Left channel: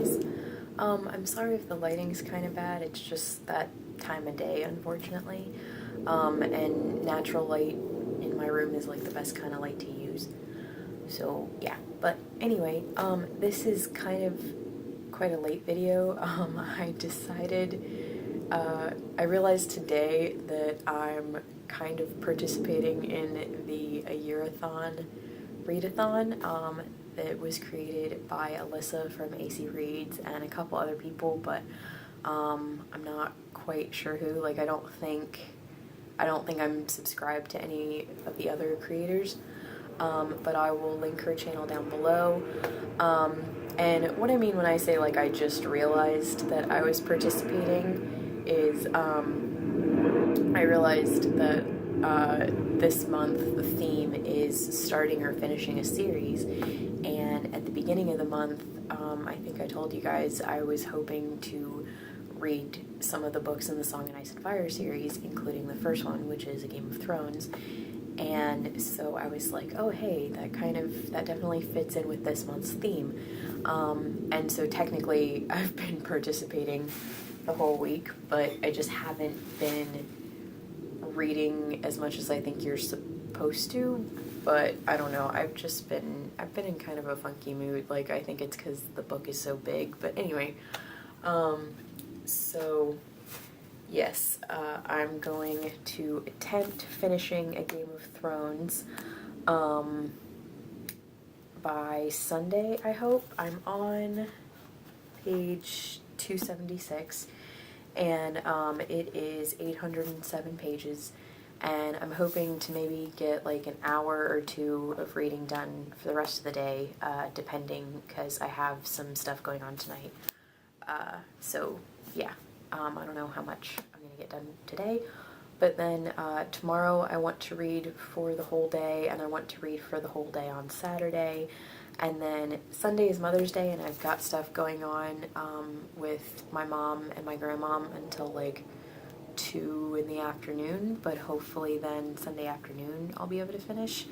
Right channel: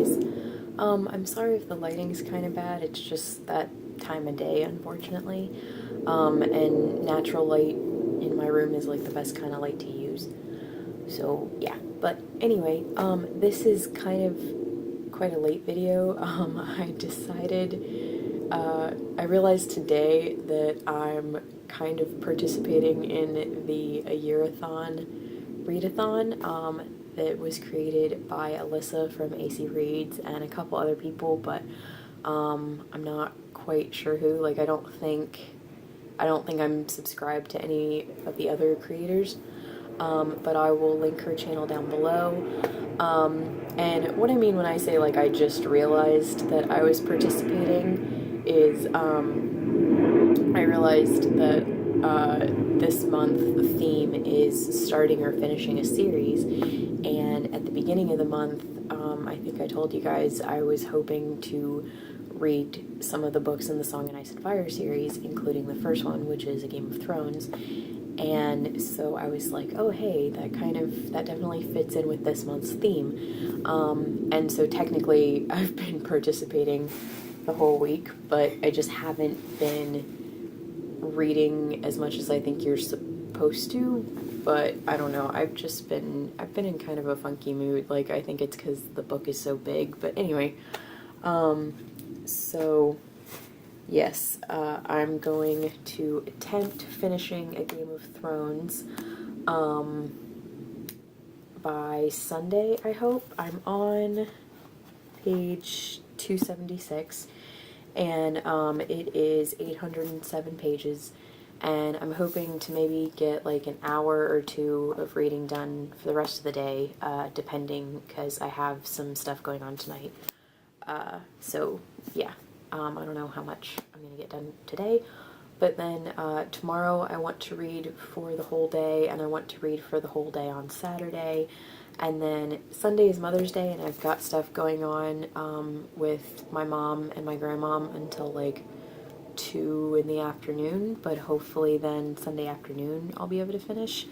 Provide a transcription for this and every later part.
guys. I'm sorry if the lighting's kind of bad, it's just that time of day, unfortunately. And natural light in my room is like the best kind of light to use. So, yeah. But anyway, this is kind of quite a late video. I realized today that I'm kind of participating in the A Year-a-thon readathon that was created by Alyssa from AC Reads and a couple other people, but I'm not quite sure who. Like, I don't think I'm subscribed to any of the other creators, but I will link her channel down below. And what I mean when I say, like, I just realized that I was participating is, I realized that this month the theme is starting or finishing a series, and at the beginning of the month, I think I told you guys I was hoping to read some of the books in the Song of Ice and Fire series, including the first one, which is A Game of Thrones. And so I was like, oh hey, that definitely fits in with this month's theme. And so technically I've been participating the whole week, but I just haven't been reading as much as I think you're supposed to. But I don't know, I've been in kind of a funky mood. Like, I think it's because the book is so big. But anyway, so yes, I'm going to attempt finishing A Game of Thrones by Sunday, I hope. I'm on page 276, and it is 807 pages, and I'm hoping to maybe get like an hour or two of reading done for the rest of the day, depending, because I have some stuff going on tonight. So yeah. I don't know how much I'm going to get done today, but then tomorrow I want to read for the whole day, and I want to read for the whole day on Saturday, and then Sunday is Mother's Day, and I've got stuff going on with my mom and my grandmom until like 2 in the afternoon, but hopefully then Sunday afternoon I'll be able to finish.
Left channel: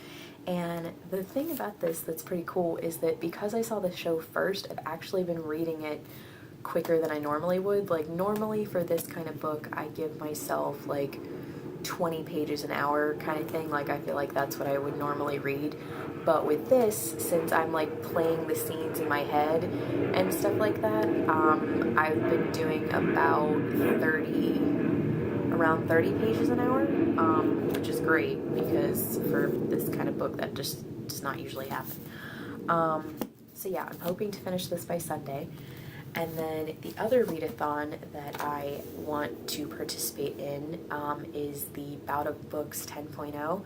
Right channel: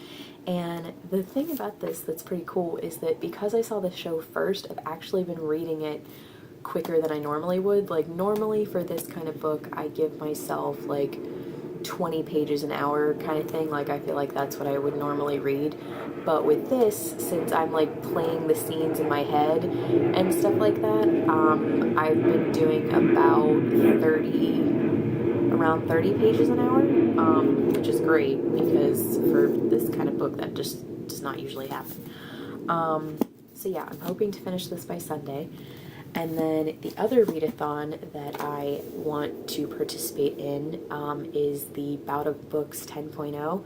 And the thing about this that's pretty cool is that because I saw the show first, I've actually been reading it quicker than I normally would. Like, normally for this kind of book, I give myself like 20 pages an hour kind of thing. Like, I feel like that's what I would normally read. But with this, since I'm like playing the scenes in my head and stuff like that, I've been doing about around 30 pages an hour, which is great because for this kind of book that just does not usually happen. So yeah, I'm hoping to finish this by Sunday. And then the other readathon that I want to participate in is the Bout of Books 10.0.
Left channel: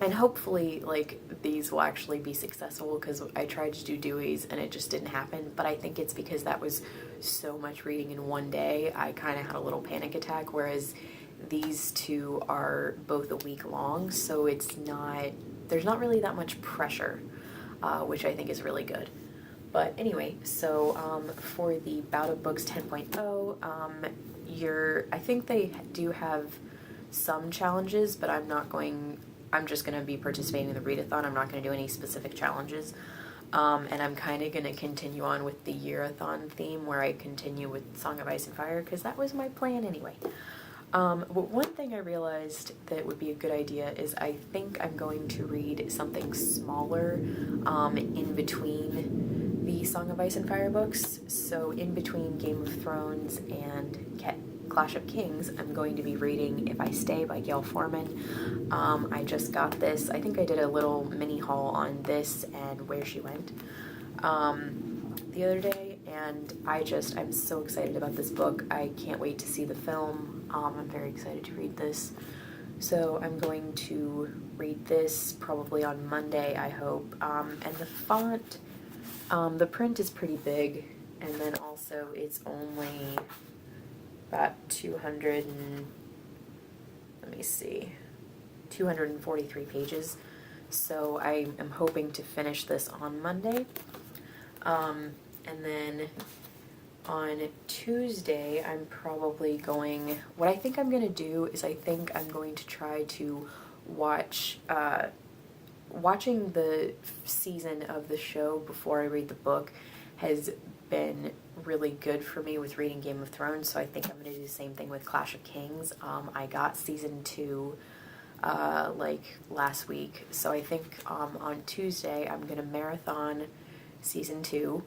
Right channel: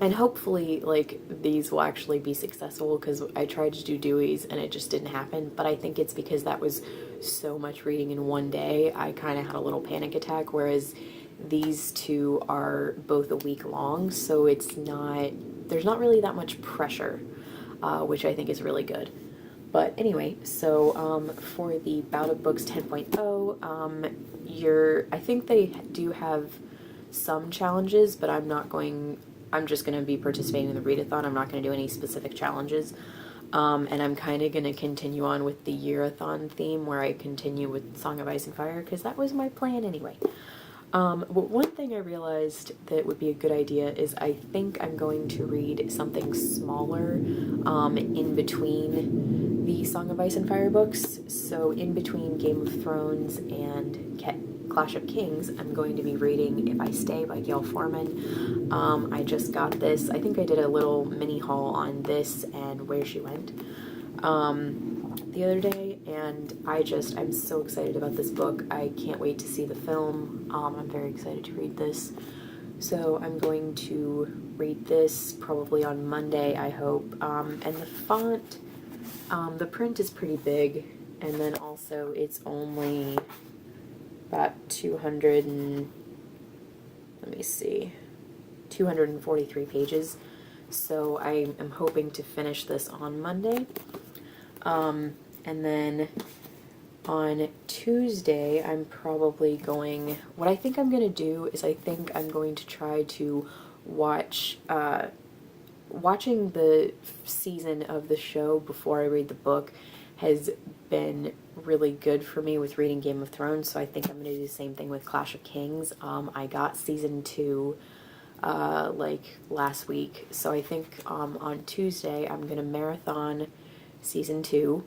And hopefully, like, these will actually be successful, because I tried to do Dewey's and it just didn't happen. But I think it's because that was so much reading in one day, I kind of had a little panic attack, whereas these two are both a week long, so there's not really that much pressure, which I think is really good. But anyway, so for the Bout of Books 10.0, I think they do have some challenges, but I'm just going to be participating in the readathon. I'm not going to do any specific challenges. And I'm kind of going to continue on with the Year-a-thon theme, where I continue with Song of Ice and Fire, because that was my plan anyway. But one thing I realized that would be a good idea is I think I'm going to read something smaller in between the Song of Ice and Fire books. So in between Game of Thrones and Clash of Kings, I'm going to be reading If I Stay by Gail Forman. I just got this. I think I did a little mini haul on this and Where She Went the other day, and I'm so excited about this book. I can't wait to see the film. I'm very excited to read this. So I'm going to read this probably on Monday, I hope. And the font, the print is pretty big, and then also it's only about 243 pages. So I am hoping to finish this on Monday. And then on Tuesday, I'm probably what I think I'm going to do is I think I'm going to try to watching the season of the show before I read the book has been really good for me with reading Game of Thrones, so I think I'm going to do the same thing with Clash of Kings. I got season 2 like last week, so I think on Tuesday I'm going to marathon season 2.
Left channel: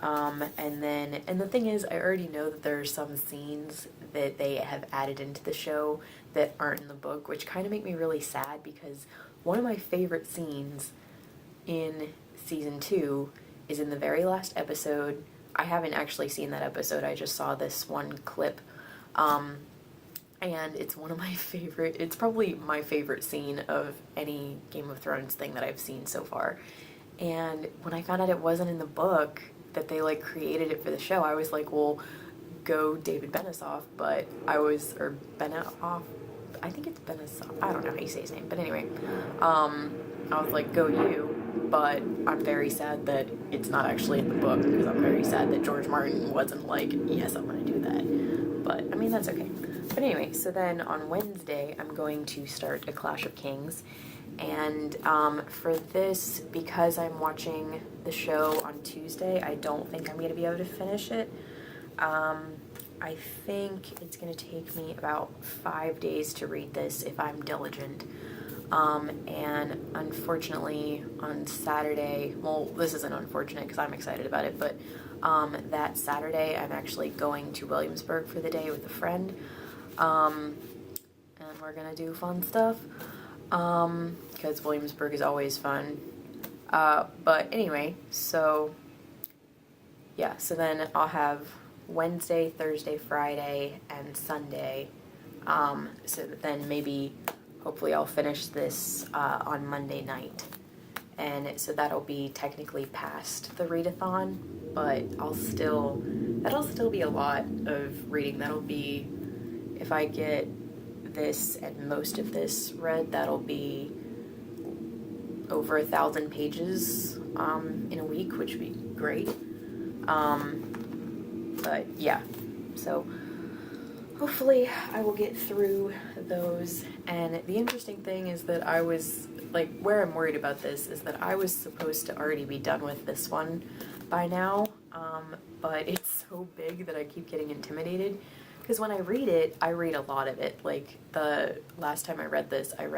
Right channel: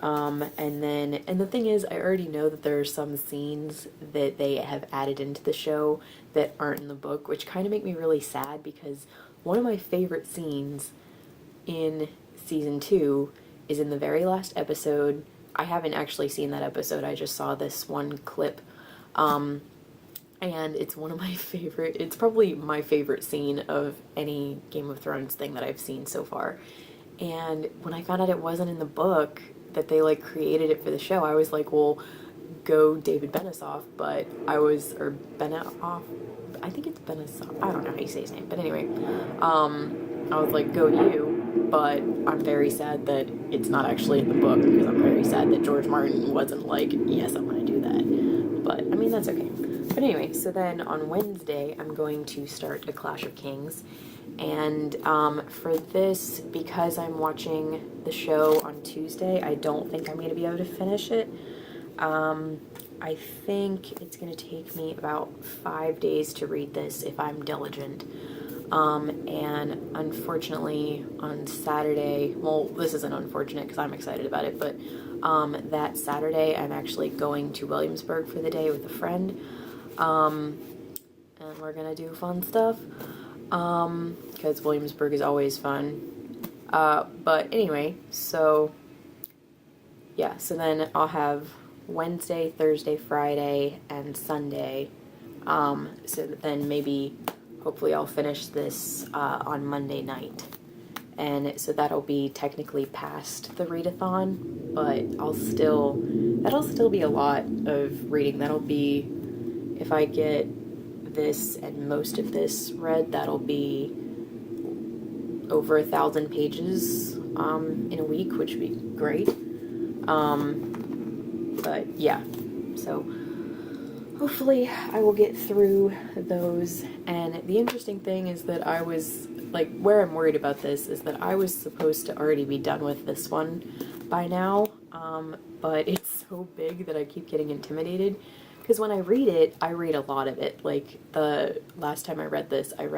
And the thing is, I already know that there are some scenes that they have added into the show that aren't in the book, which kind of make me really sad, because one of my favorite scenes in season 2 is in the very last episode. I haven't actually seen that episode, I just saw this one clip, and it's one of my favorite, it's probably my favorite scene of any Game of Thrones thing that I've seen so far. And when I found out it wasn't in the book, that they like created it for the show, I was like, well, go David Benesoff, or Benesoff, I think it's Benesoff, I don't know how you say his name, but anyway, I was like, go you, but I'm very sad that it's not actually in the book, because I'm very sad that George Martin wasn't like, yes, I'm gonna do that, but, I mean, that's okay. But anyway, so then on Wednesday, I'm going to start A Clash of Kings, and for this, because I'm watching the show on Tuesday, I don't think I'm going to be able to finish it. I think it's going to take me about 5 days to read this if I'm diligent. And unfortunately, on Saturday, well, this isn't unfortunate because I'm excited about it, but that Saturday, I'm actually going to Williamsburg for the day with a friend, and we're going to do fun stuff. Because Williamsburg is always fun. But anyway, so, yeah, so then I'll have Wednesday, Thursday, Friday, and Sunday, so that then maybe, hopefully I'll finish this, on Monday night. And so that'll be technically past the readathon, but that'll still be a lot of reading. That'll be, if I get this and most of this read, that'll be over 1,000 pages in a week, which would be great. But yeah, so hopefully I will get through those. And the interesting thing is that I was like, where I'm worried about this is that I was supposed to already be done with this one by now, but it's so big that I keep getting intimidated. Because when I read it, I read a lot of it. Like, the last time I read this, or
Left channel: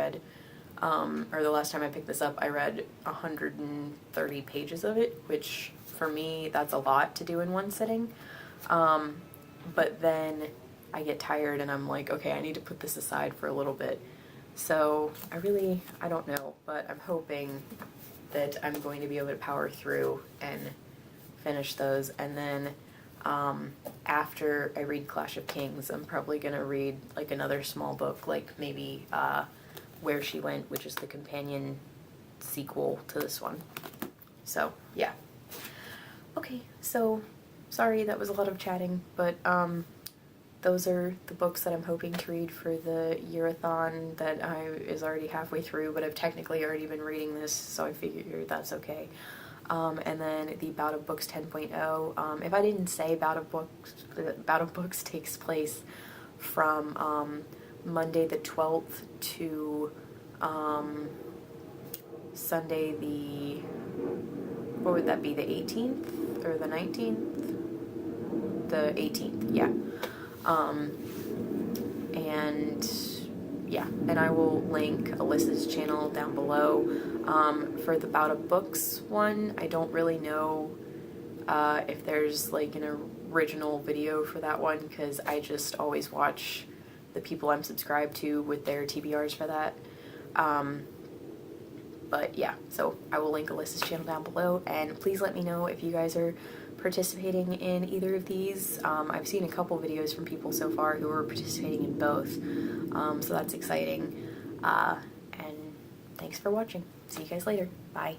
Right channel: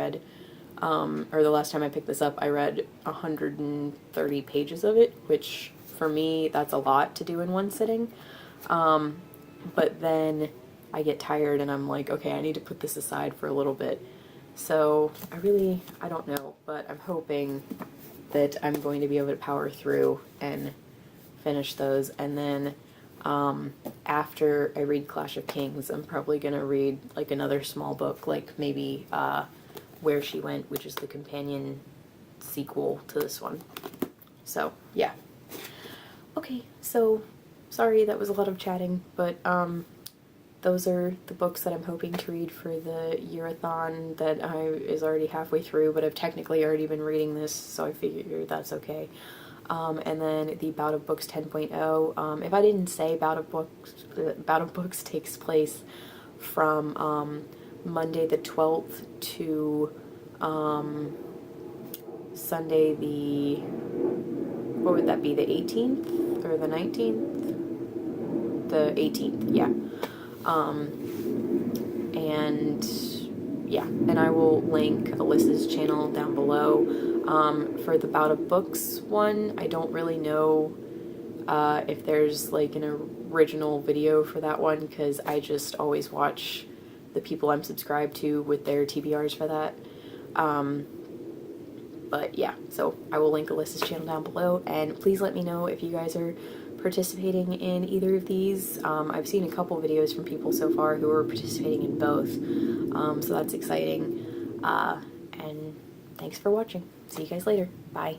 the last time I picked this up, I read 130 pages of it, which, for me, that's a lot to do in one sitting. But then I get tired and I'm like, okay, I need to put this aside for a little bit. So, I don't know, but I'm hoping that I'm going to be able to power through and finish those, and then after I read Clash of Kings, I'm probably going to read, like, another small book, like, maybe, Where She Went, which is the companion sequel to this one. So, yeah. Okay, so, sorry that was a lot of chatting, but, those are the books that I'm hoping to read for the year-a-thon that is already halfway through, but I've technically already been reading this, so I figure that's okay. And then the Bout of Books 10.0. If I didn't say, Bout of Books takes place from Monday the 12th to Sunday the, what would that be, the 18th or the 19th? The 18th, yeah. And yeah, and I will link Alyssa's channel down below. For the Bout of Books one, I don't really know if there's like an original video for that one, because I just always watch the people I'm subscribed to with their TBRs for that. But yeah, so I will link Alyssa's channel down below, and please let me know if you guys are participating in either of these. I've seen a couple videos from people so far who are participating in both, so that's exciting. And thanks for watching. See you guys later. Bye.